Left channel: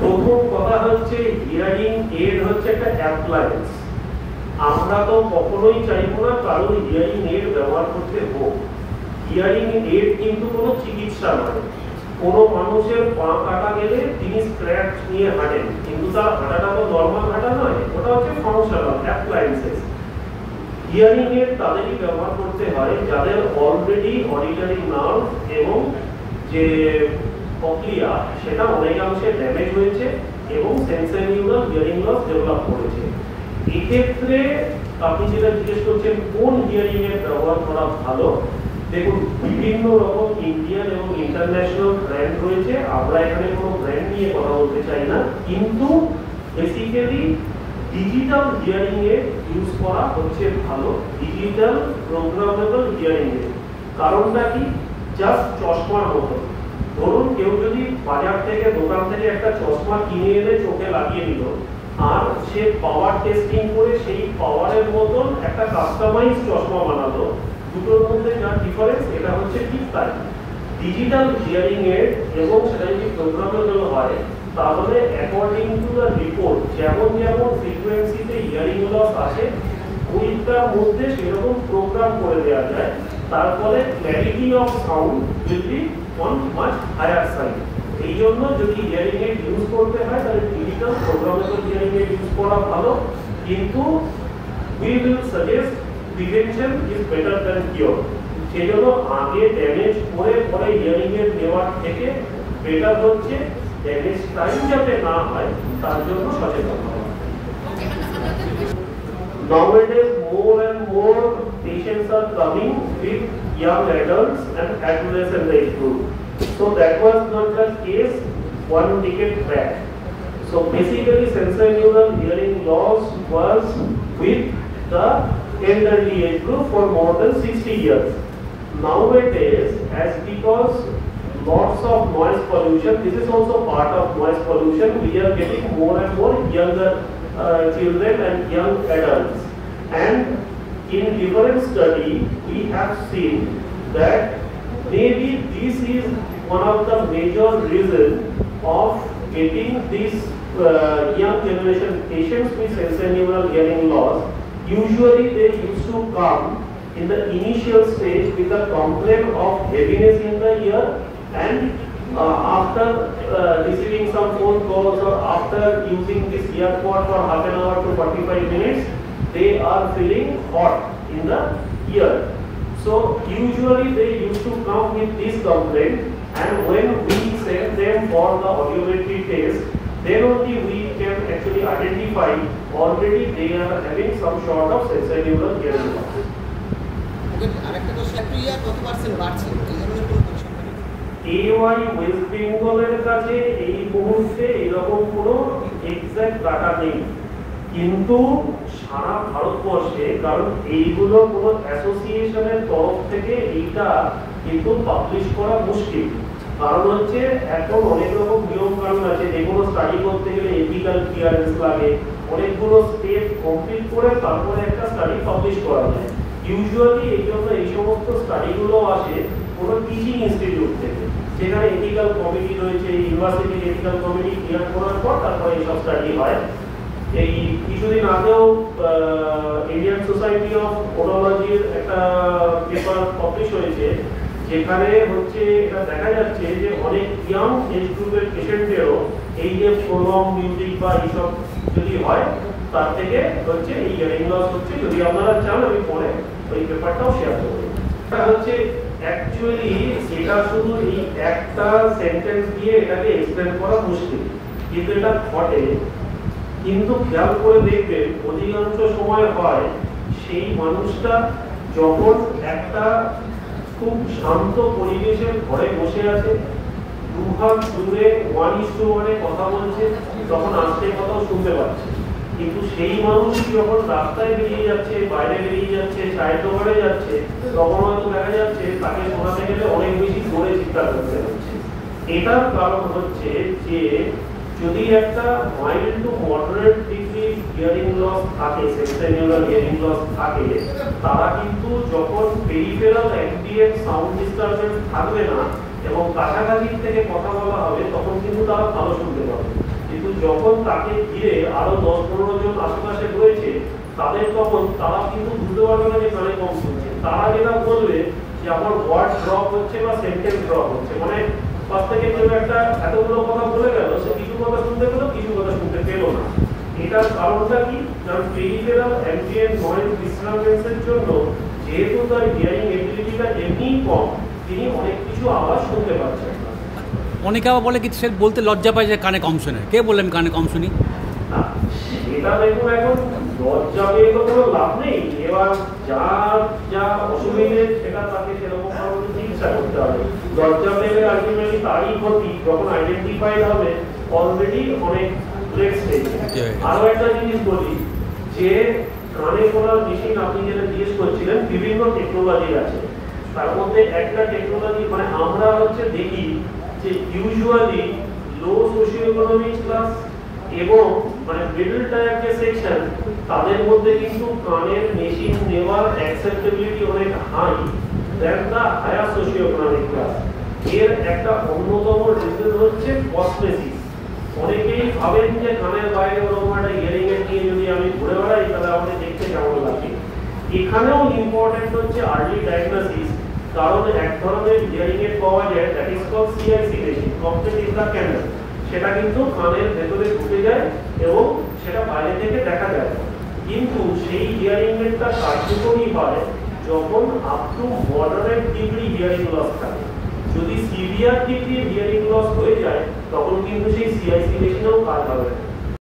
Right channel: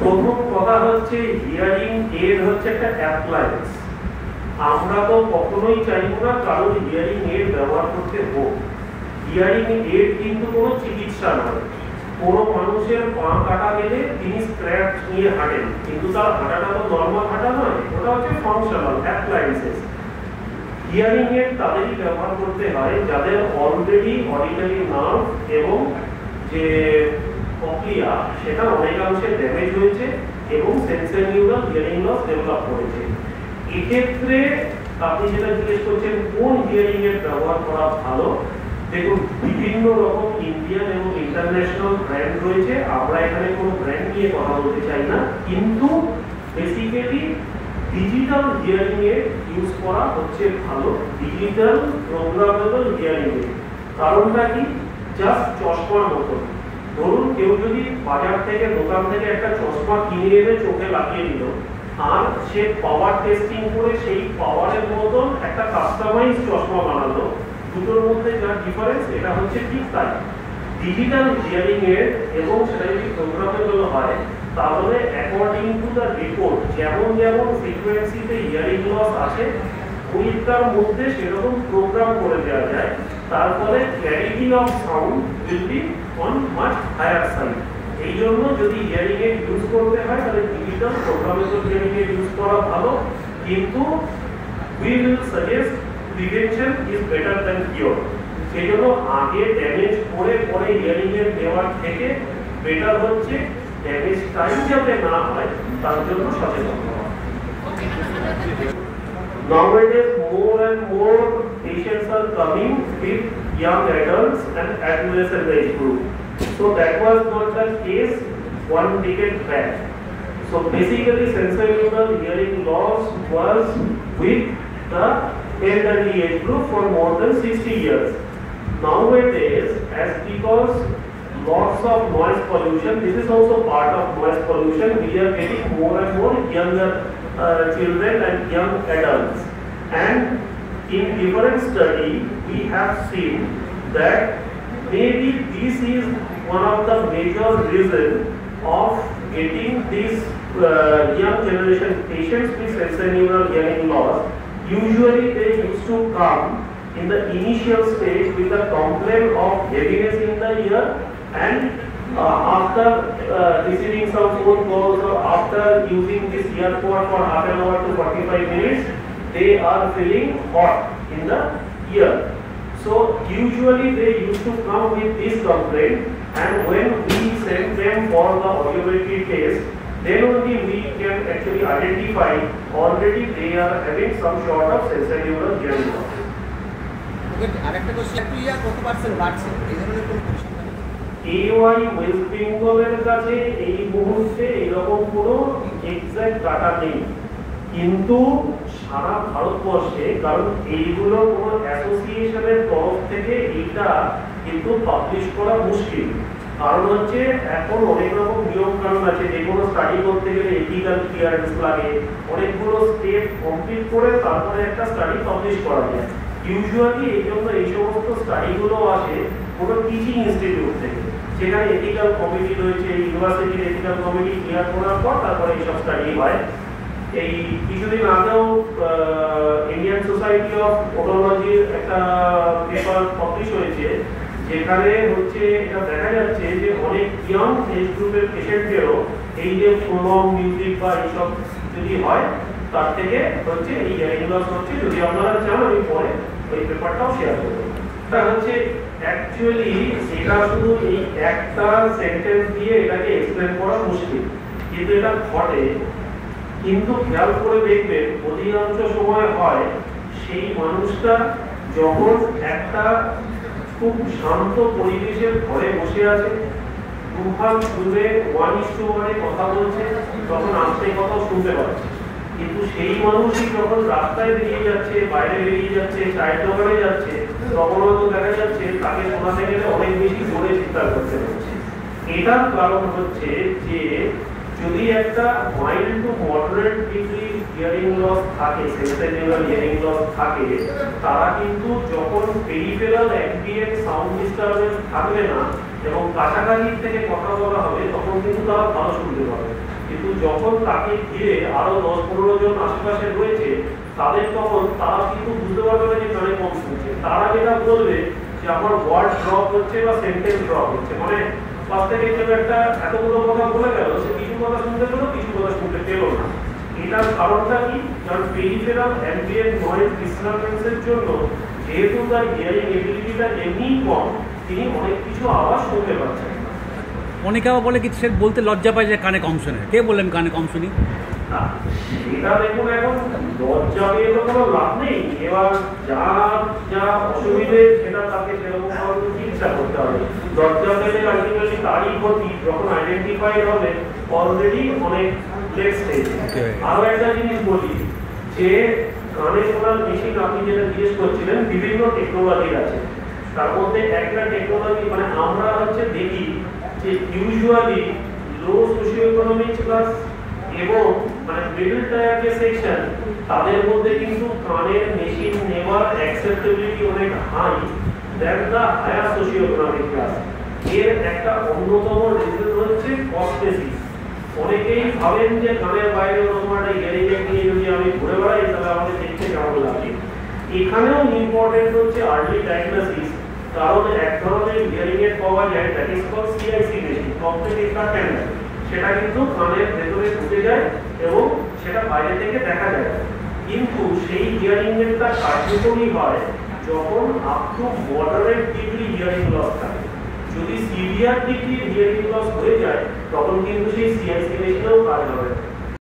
প্রথম কথা হচ্ছে হিয়ারিং এড হচ্ছে একটা অ্যাপ্লায়েন্স। আমরা তো কখনোই চাইবো না কারোর হিয়ারিং এড ব্যবহার করতে হোক। হিয়ারিং এড কিন্তু কোনো চিকিৎসা নয়। কোনো মানুষের পা কাটা গেলে তিনি স্ক্র্যাচ নিয়ে হাঁটেন, কিন্তু তার হাঁটাটা তো নর্মাল হাঁটা নয়, ওটা হচ্ছে ফাংশনাল অ্যাপ্লায়েন্সেস। হিয়ারিং এড তাদেরই ব্যবহার করতে হয় যাদের অলরেডি অডিটরি নার্ভ এবং যে কক্লিয়া সেটা অনেকাংশে ড্যামেজ হয়েছে এবং sensory neural hearing loss develop করেছে। এক্ষেত্রে আপনি যেটা জিজ্ঞেস করছেন কোন হিয়ারিং এড ব্যবহার করা ভালো, দেখুন বিভিন্ন রকম ইন্ডিয়ান এবং ইন্টারন্যাশনাল ব্র্যান্ড রয়েছে। আমরা এখানে কোনো ব্র্যান্ড নিয়ে কথা বলতে চাই না, কিন্তু basically digital hearing aid use করা হচ্ছে ভালো। ডিজিটাল প্রোগ্রামেবল হিয়ারিং এড কারণটা কি, জাস্ট চশমার মতো। ধরুন কেউ যদি বাজার থেকে দোকান থেকে একটা চশমা কিনে এনে চোখে লাগিয়ে দিল, আর সে পাওয়ার টেস্টিং করে সেই পাওয়ারের মতন একটা কাস্টমাইজ চশমা বানালো, দুটোর মধ্যে যা ডিফারেন্স এটা হচ্ছে ঠিক তাই। ডিজিটাল হিয়ারিং এড এবং সেটা যদি প্রোগ্রামেবল হয় তাহলে অ্যাকর্ডিং টু দ্য রিপোর্ট যেমন যেমন ফ্রিকোয়েন্সিতে হিয়ারিং লস আছে ওইটার মধ্যে সেরকম প্রোগ্রাম করে দেওয়া যায়। তারপরে clarity of sound will be on much higher side. এই জন্য যদি হিয়ারিং এড ইউজ করতে হয় তাহলে digital programmable hearing aid use করা ভালো, কিন্তু we will suggest prevention is better than cure। সেই জন্য আগে ড্যামেজ করে পরে হিয়ারিং এড নেওয়ার থেকে বেটার হচ্ছে ড্যামেজ টাইম যাতে না হয় তার জন্য সচেতন হওয়া। Nowadays more and more patients are coming with young adults and adolescent age group, so that was not the case one decade back. So basically sensorineural hearing loss was with the elderly age group for more than 60 years. Nowadays, as because lots of noise pollution, this is also part of noise pollution, we are getting more and more younger children and young adults. And in different study, we have seen that maybe this is one of the major reason of getting these young generation patients with sensorineural hearing loss. Usually they used to come in the initial stage with a complaint of heaviness in the ear, and after receiving some phone calls or after using this earpod for half an hour to 45 minutes, they are feeling hot in the ear. So usually they used to come with this complaint, and when we send them for the audiometry test, then only we can actually identify already they are having some sort of sensorineural hearing loss. AY West বেঙ্গলের কাছে এই মুহূর্তে এরকম কোনো exact data নেই, কিন্তু সারা ভারতবর্ষে, কারণ এইগুলো কোনো অ্যাসোসিয়েশনের তরফ থেকে এইটা কিন্তু পাবলিশ করা মুশকিল। কারণ হচ্ছে এখন অনেক রকম নিয়ম কানুন আছে, যে কোনো স্টাডি করতে গেলে এথিক্যাল ক্লিয়ারেন্স লাগে, অনেকগুলো স্টেপ কমপ্লিট করে তারপরে একটা স্টাডি পাবলিশ করা যায়। ইউজুয়ালি এই জন্য এই সমস্ত স্টাডিগুলো আসে কোনো টিচিং ইনস্টিটিউট থেকে, যেখানে এথিক্যাল কমিটি রয়েছে, ইউনিভার্সিটির এথিক্যাল কমিটি ক্লিয়ার করার পর তারপরে এইসব স্টাডি হয়। এই কিছুদিন আগেও ইন্ডিয়ান সোসাইটি অফ ওডোলজির একটা পেপার পাবলিশ হয়েছে, যেখানে হচ্ছে এটা দেখা যাচ্ছে যে অনেক ইয়াং এজ গ্রুপের পেশেন্টেরও এই যে ফোনম মিউজিক বা এইসব যদি হয় তার থেকে হচ্ছে এই হিয়ারিং লস হচ্ছে। যদি আপনারা চান আমি পরে ওই পেপারটাও শেয়ার করব। এটা হচ্ছে অ্যাকচুয়ালি এটা শুধু এই একটা সেন্টেন্স দিয়ে এটাকে এক্সপ্লেন করা মুশকিল, কিন্তু এটা ঘটে। কিন্তু খেয়াল করে দেখবেন অধিকাংশ সময় হয় সেই মানুষটা যখন একটা খুব শান্ত পরিবেশের ঘরে বসে আছে, দুভাগ দূরে 1:1 কথা বলছে, তখন আস্তে কথাও শুনতে পাচ্ছে। কিন্তু সেই মানুষই যখন রাস্তায় বেরিয়ে যাচ্ছে, বাইরে বেরিয়ে যাচ্ছে, চায়ের দোকানে যাচ্ছে, তখন হয়তো দেখা যাচ্ছে তাকে শোনাতে গেলে অনেক বেশি জোরে চিৎকার করতে হচ্ছে। এটার কারণ হচ্ছে যে যদি একটা mild to moderate degree hearing loss থাকে, সেন্সরিনিউরাল হিয়ারিং লস থাকে, তারা কিন্তু যখন পেরিফেরাল অ্যাম্বিয়েন্ট সাউন্ড ডিস্টারবেন্স থাকবে না এবং কাছাকাছি থেকে কথা বলা হবে, তখন কিন্তু তারা ভালো শুনতে পাবে। যখন তাকে ঘিরে আরো 10-15 জন আশেপাশে রয়েছে, তাদের তখন তারা কিন্তু বুঝতে পারবে না যে কানে কম শুনছে। তারা যেটা বলবে যে আমার ওয়ার্ড ড্রপ হচ্ছে বা সেন্টেন্স ড্রপ হচ্ছে, মানে পাশ থেকে কেউ একটা এতগুলো কথা বলে গেল, সে কিছু কথা শুনতে পেলো, কিছু কথা শুনতে পেলো না। এটার কারণটা কি? কারণ পেরিফেরাল অ্যাম্বিয়েন্ট নয়েজ ডিস্টারবেন্সের জন্য যেহেতু তার হিয়ারিং এবিলিটিটা এমনিই কম, তিনি অনেক কিছু আওয়াজ শুনতে পাচ্ছেন। অনেকে আবার বলে কি সে বলতে লজ্জা পায় যে কানে কম শুনে। কে বললেন কানে কম শুনি? সেটা দেখুন, এখন লজ্জা পেয়ে তো কোনো লাভ নেই। এবার যা যা অসুবিধে সেটা তাকে সেরকম ভাবে চিকিৎসা করতে হবে। লজ্জা পেলে আলটিমেটলি তারই ক্ষতি, যখন আইডেন্টিফাইড হবে অলরেডি অনেক লেট স্টেজ। আরো একটা জিনিস বলি যে কানে শোনার মেশিন আপনি যেটা জিজ্ঞেস করছিলেন, বিভিন্ন টেকনোলজি আছে। তার মধ্যে একটা টেকনোলজি মানে আমরা দেখি যে ইউজুয়ালি লো সোশিও ইকোনমিক ক্লাস এবং মানে মিডল টায়ার যে সেকশন, তাদের মধ্যে কিন্তু কানের মেশিন নেওয়ার অ্যাকসেপ্টেবিলিটি অনেক high than the higher socio economic class. এর একটা অন্যতম রিজন হচ্ছে কসমেটিক্স। অনেকেই ভাবেন যে কানের বাইরে ওরকম একটা হিয়ারিং এড নিয়ে যদি আমি ঘুরে বেড়াই তাহলে আমাদের দেখতে কেমন লাগে। এখানেও ইম্পর্টেন্ট হচ্ছে আর্লি ডায়াগনোসিস, কারণ এক ধরনের হিয়ারিং এড পাওয়া যায় that is called CIC machine, complete ইন্টারক্যান্ডার। সেটা কিন্তু কানের ভেতরে ঢুকে যায় এবং সেটা বাইরে থেকে দেখা যায়। কিন্তু সেই হিয়ারিং এডটা কার্যকরী হয় যখন up to moderate degree hearing loss থাকে। যদি সিভিয়ার ডিগ্রি হিয়ারিং লস হয়ে যায় তখন কিন্তু সেই সিআইসি মেশিনেও কাজ হবে না।